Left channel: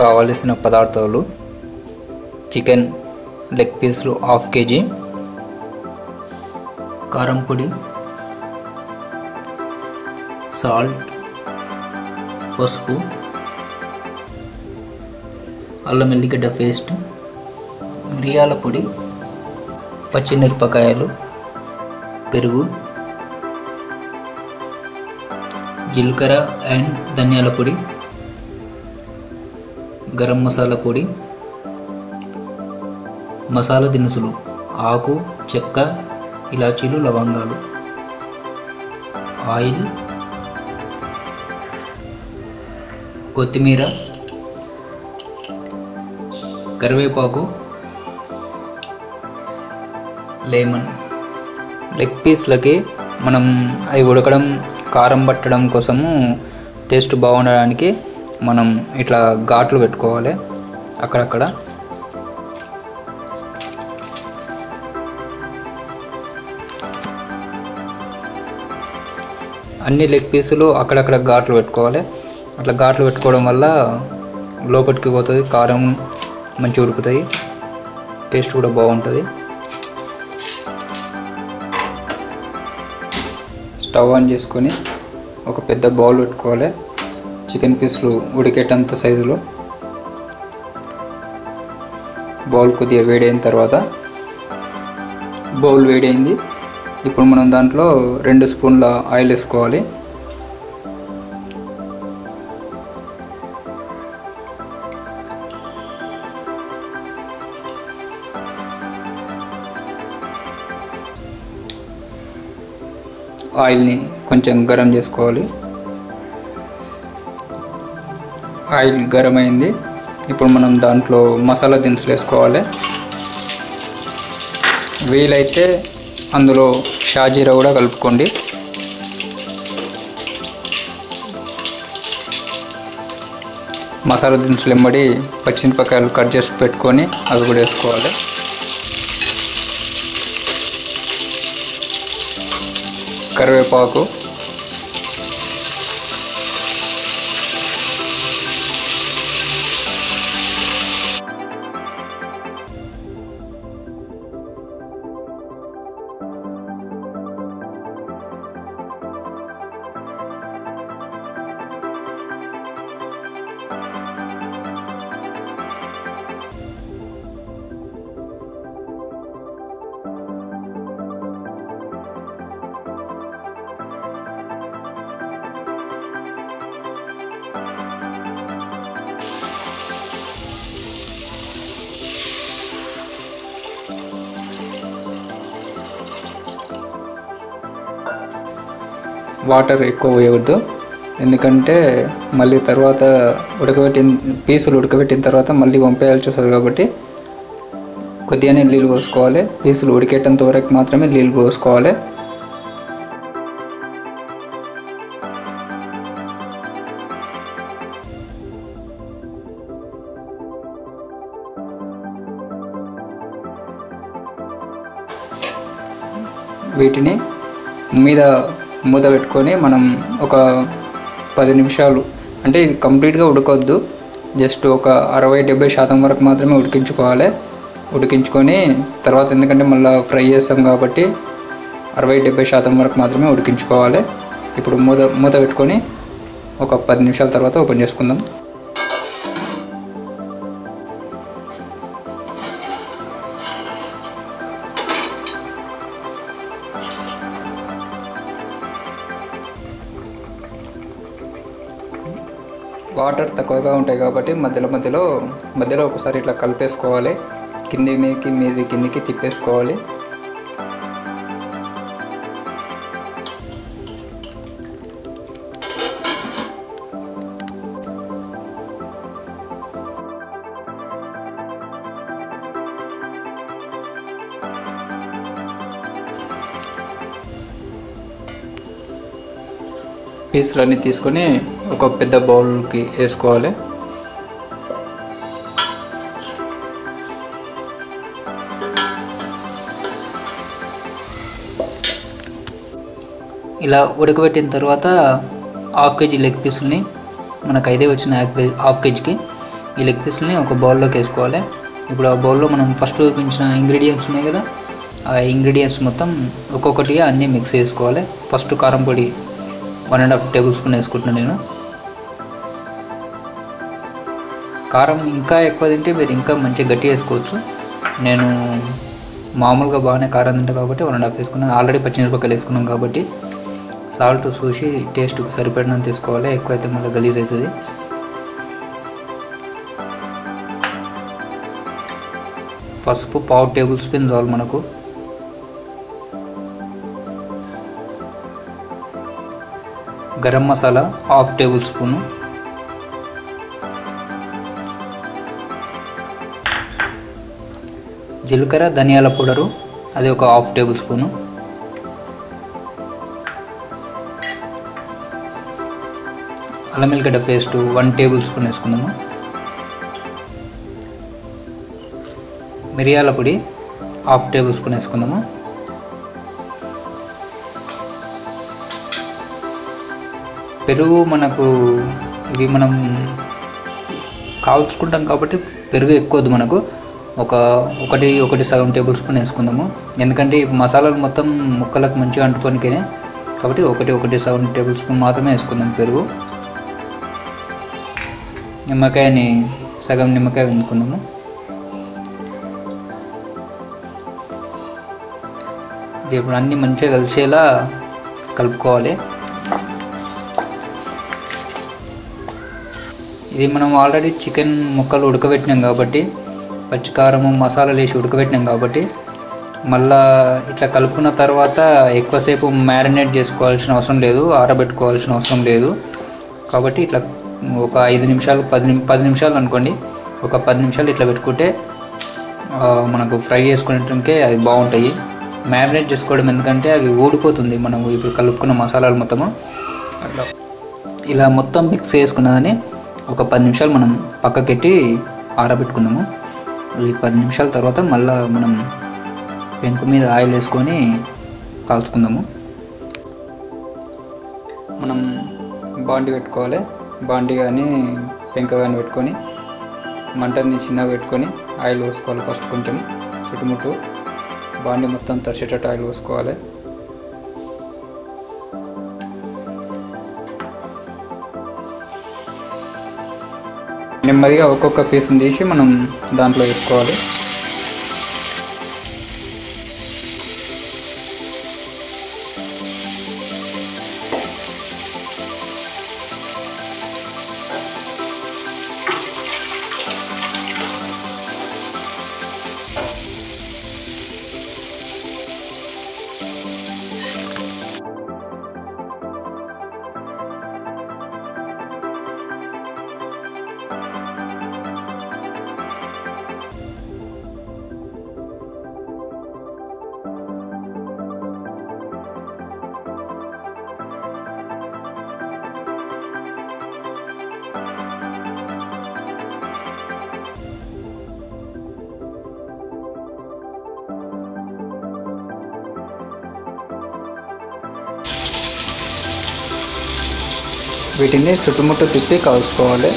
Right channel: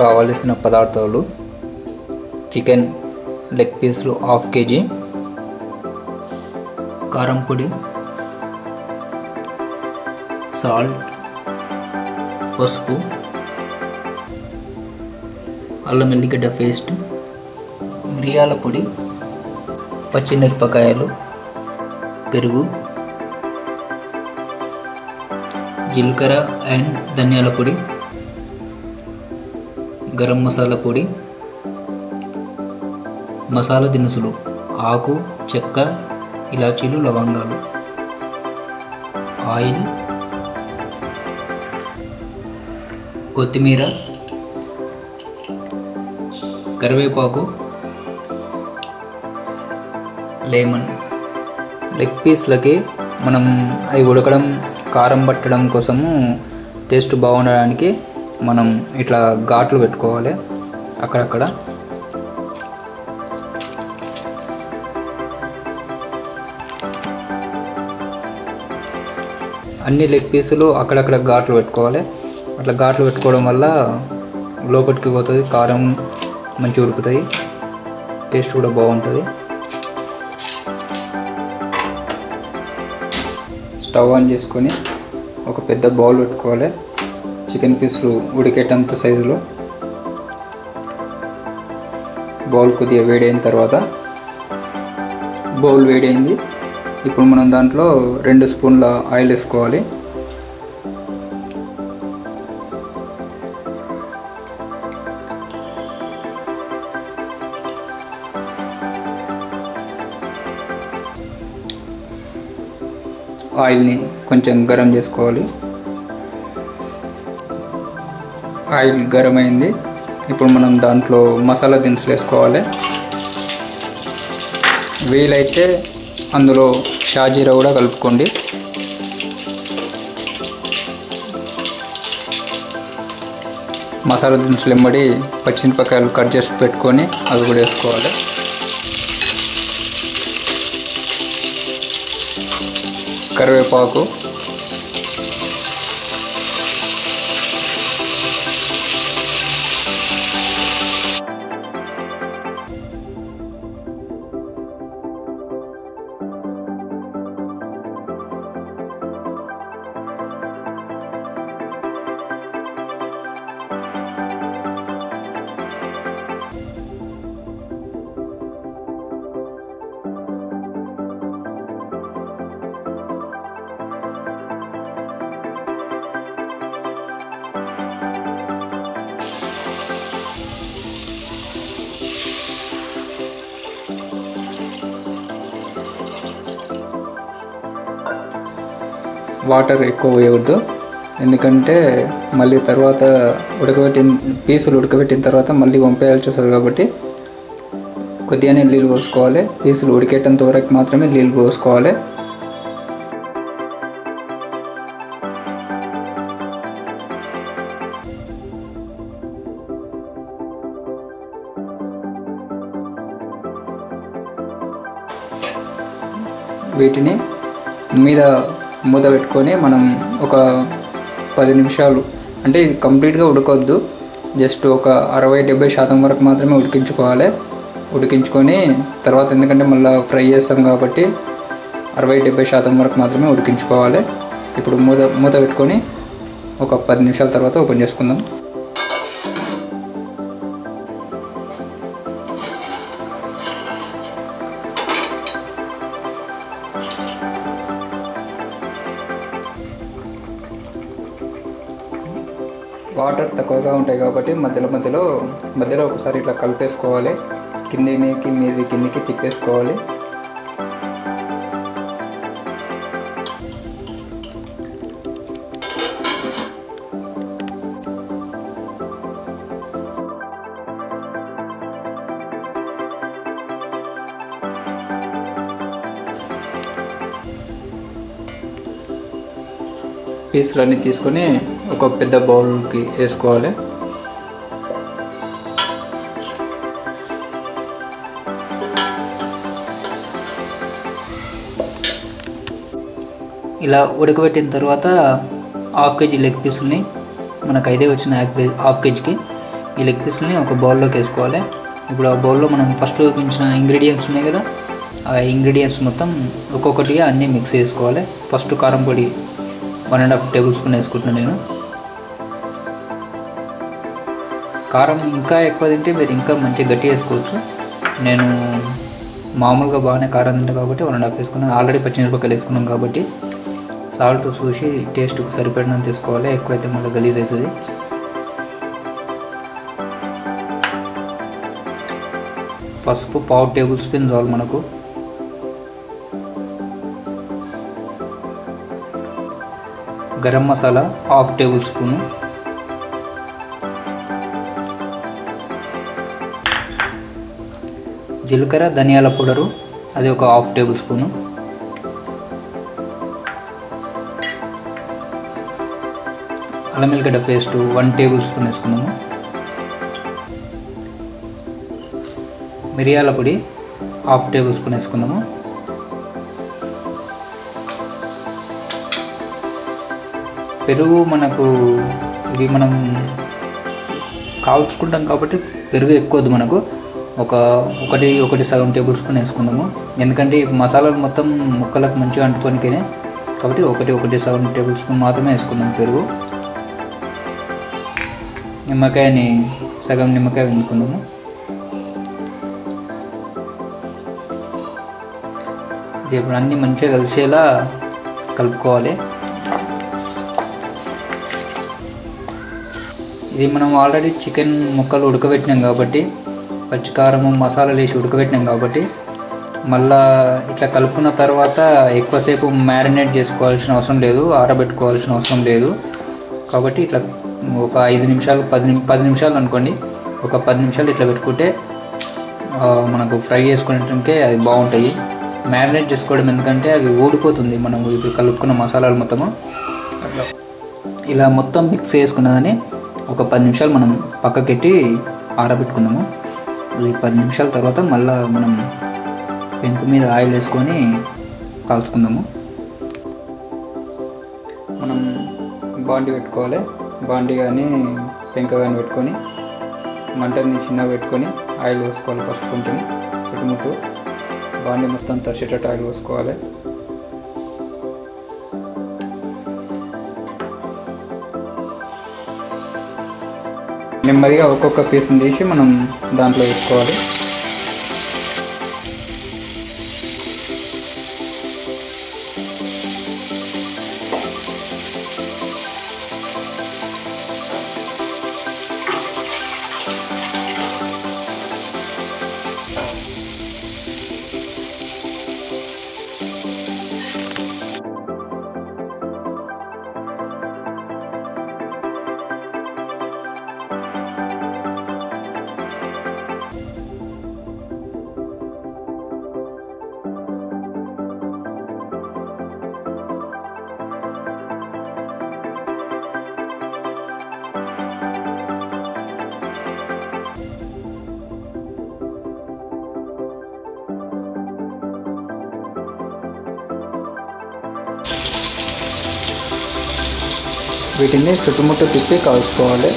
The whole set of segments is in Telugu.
కావలసిన పదార్థాలు: చికెన్ లెగ్ పీసులు ½ kg, కారం పొడి, సాల్ట్, పసుపు, అల్లం ఎల్లిగడ్డ పేస్ట్, మిరియాల పొడి, పచ్చిమిరపకాయలు, పెరుగు, జీలకర్ర అండ్ ధనియాల పొడి, గరం మసాలా పొడి, మసాలా దినుసులు ఆకు, చెక్క, ఇలాచీలు, లవంగాలు, ఆయిల్, కొత్తిమీర, కరివేపాకు, లెమన్. లెగ్ పీస్లకి మనం అవి ఉడకడం, కారం పట్టడం కోసము టేస్ట్ బాగుండడానికి మనం ఇట్లా ఘాట్లు పెట్టుకోవాలి అక్కడక్కడ. అన్ని లెగ్ పీసులు అక్కడక్కడ ఘాట్లు పెట్టుకోవాలి. అట్లా ఘాట్లు పెట్టుకోవడం వల్ల లోపలికి పోతుంది, కారం మంచిగా ఉడుకుతాయి, టేస్ట్ కూడా బాగుంటుంది. స్టవ్ ఆన్ చేసుకొని ఒక పెద్ద బౌల్ పెట్టుకోవాలి. చికెన్ పీసులు ఉడికేటంత సైజులో బౌల్ కొద్దిగా వేడైన తర్వాత, బౌల్ వేడైంది. ఇప్పుడు మనం దాంట్లో 2 స్పూన్ల ఆయిల్ వేసుకోవాలి. ఆయిల్ని కొంచెం గరం చేసుకోవాలి. ఆయిల్ గరం అయింది. ఇప్పుడు మనం దాంట్లో మసాలా దినుసులు వేసుకోవాలి. వీలైతే అందులో షాజీరా కూడా కలుపుకోండి. మసాలా దినుసులు వెంబడి పచ్చిమిరపకాయలు కట్ చేసి పెట్టుకొని అవి కూడా వేసుకోవాలి. కరివేపాకు, వాటర్ ఎక్కువ వేయకూడదు, ఎందుకంటే మళ్ళీ తర్వాత పీసులు ఉడకబెట్టిన తర్వాత మళ్ళీ వంపేయాల్సి వస్తుంది. కాబట్టి కొద్దిగానే నీళ్ళు పోసుకోవాలి. పీసులు ఉడికేటంత వరకు మాత్రమే నీళ్ళు పోసుకోవాలి. వీటిని మీద మూత పెట్టుకొని మనం ఒక 10 నిమిషాలు, అంటే ఇది కంప్లీట్గా ఉడకొద్దు, జస్ట్ ఒక 60-70% వరకు మాత్రమే ఉడికించుకోవాలి. ఉడికించుకొని తర్వాత, ఎందుకంటే మళ్ళీ ఫ్రై చేస్తాం కాబట్టి 60-70% వరకు మాత్రమే ఉడికించుకోవాలి. ఇప్పుడు మూత పెట్టుకొని ఒక 10 నిమిషాల తర్వాత ఓపెన్ చేసుకుందాం. వాటర్ తక్కువగా ఉంటాయి కాబట్టి మధ్యలో ఒకసారి ఇట్లా కలిపేసుకోవాలి. కిందికి తిప్పేసుకోవాలి. పీసులన్నీ తీసుకొని ఒక పెద్ద బౌల్కి వేసుకోవాలి. ఇలా ఉడకబెట్టిన తర్వాత హాఫ్ కేజీ లెగ్ పీసుల్ని, మనకు అయితే వచ్చిన హాఫ్ కేజీకి ఈ లెగ్ పీసుల్ని ఒక బౌల్లోకి వేసుకోవాలి. ఇప్పుడు ఆ బౌల్లో మనం ఫస్ట్ చూపించిన ఇంగ్రీడియంట్స్ ఉన్నాయి కదా, ఆ ఇంగ్రీడియంట్స్ మొత్తం ఒక్కొక్కటిగా అన్నీ మిక్స్ చేసుకోవాలి. ఫస్ట్ కారం పొడి 1.5 టేబుల్ స్పూన్ వేసుకుంటున్నాను నేను. కారం ఇంకా ఎక్కువ తింటే మీరు ఇంకా మంచిగా గట్టి వేసుకోవచ్చు. నేను మామూలుగా బాగానే కారం తింటా కాబట్టి 1.5 వేసుకున్నాను. ఆల్రెడీ పచ్చిమిరపకాయలు వేసుకున్నాం కాబట్టి సాల్ట్ చూసి టేస్ట్కి సరిపడినంత తీసుకోవాలి. ఎక్కువైతే మళ్ళీ గలీజ్ అవుతుంది. పసుపు 1/2 టేబుల్ స్పూన్ చాలు మనకు. Garam masala 1/2 table spoon. జీలకర్ర ధనియాల పౌడరు అది ఒక 1/2 టేబుల్ స్పూను. అల్లం వెల్లిగడ్డ పేస్ట్ 1 టేబుల్ స్పూన్ వేసుకుందాము. మిరియాల పొడి 1/2 టేబుల్ స్పూన్ వేసుకుందాము. పెరుగు మనకు ఇవి మనం కాల్చుకుంటాం కాబట్టి పెరుగు ఎక్కువద్దు మనకు. ఒకటి సగం టేబుల్ స్పూన్ వేసుకుందాము. ఎందుకంటే ఈ మసాలాలు మొత్తం ముక్కలకు మంచిగా అంటుకోనికే కాబట్టి ఒకటి సగం టేబుల్ స్పూన్ మాత్రమే వేసుకుందాం పెరుగు. నిమ్మకాయని సగం నిమ్మకాయ వండుకుందాము. ఇప్పుడు అన్నీ మంచిగా కలిసేలా కలుపుకోవాలి. ఇది మనం ఆల్రెడీ చికెన్ ముక్కలు ఉడకబెట్టినాం కాబట్టి, పచ్చికారము మసాలాలు వేసి ఉడకబెట్టినాం కాబట్టి మళ్ళా ఇట్లా కలుపుకున్న తర్వాత ఎక్కువసేపు మ్యారినేట్ చేసుకోవాల్సిన అవసరం లేదు, ఆరబెట్టుకోవాల్సిన అవసరం లేదు. కాబట్టి ఇట్లా ఒక 5 నిమిషాలు 10 నిమిషాలు అనుకోండి, ఒక 10 నిమిషాలు ఇట్లా పెట్టుకుంటే మనకు ఫ్రై చేసుకునేటానికి అది బాగుంటాయి. మ్యారినేట్ చేసుకోవడం ఎందుకంటే అవి ఊడిపోతుంది మనం ఇప్పుడు కలుపుకున్న మసాలాలు మొత్తము. అట్లా ఇలా మొత్తం మిక్స్ చేసుకున్నదని ఒక 10 నిమిషాలు మనం పక్కకెట్టి ఆరబెట్టుకుందాము. ఈ 10 నిమిషాల తర్వాత మళ్ళీ మనం పెంకు మీద ఆయిల్ వేసుకొని కాల్చుకుందాము. మనం బాండి పెట్టుకోవాలి. బాండి కానీ పెంక కానీ పెట్టుకొని మంటని చిన్నగా పెట్టుకొని ఆయిల్ పోసుకోవాలి. ఫస్ట్ కొంచెం చుట్టుముట్టు బాండి మొత్తం తరిచేటట్టు ఆయిల్ పోసుకోవాలి. నెమ్మదిగా ఒక్కొక్క పీస్ని తీసి మనం దాంట్లో వేసుకోవాలి. వీటిని చుట్టుముట్టు తిప్పి కాల్చుకోవాలి.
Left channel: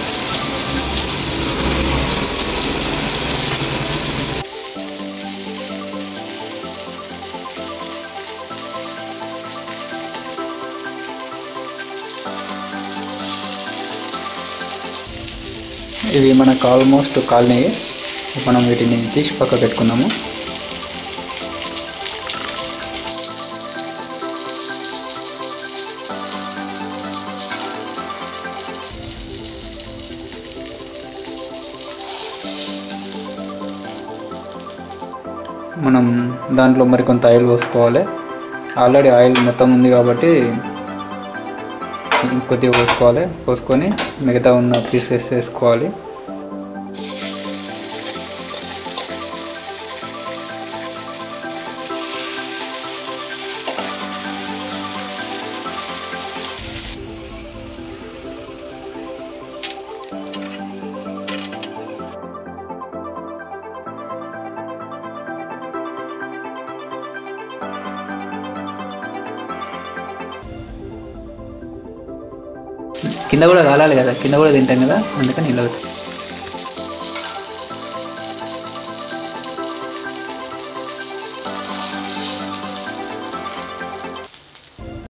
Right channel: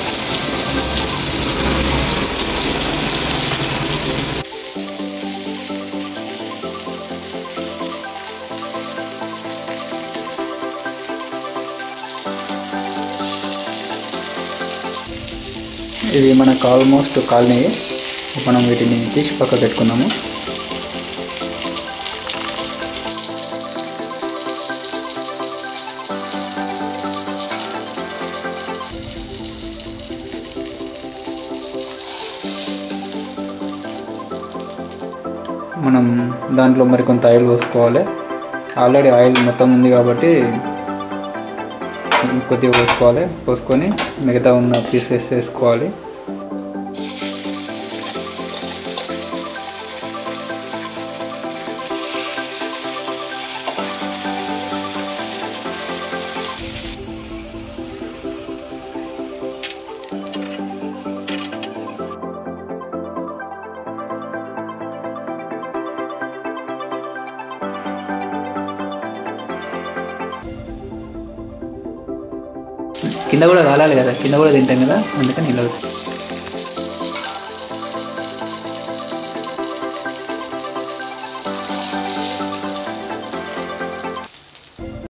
ఇవి మనకు ఆల్మోస్ట్ కాలినాయి. మనం వీటిని తీసి పక్క పెట్టుకుందాము. మనం దాంట్లో మరికొంత ఆయిల్ పోసుకోవాలి. ఆల్రెడీ ఆయిల్ మొత్తం ఉంది కాబట్టి కొద్దిగా పోసుకొని మిగతా ఉన్న పీసెస్ వేసుకోవాలి. కింద కూడా కాలాలి కదా, కింద కూడా తింటాం కదా, అందుకని ఇలా అవుతుంది.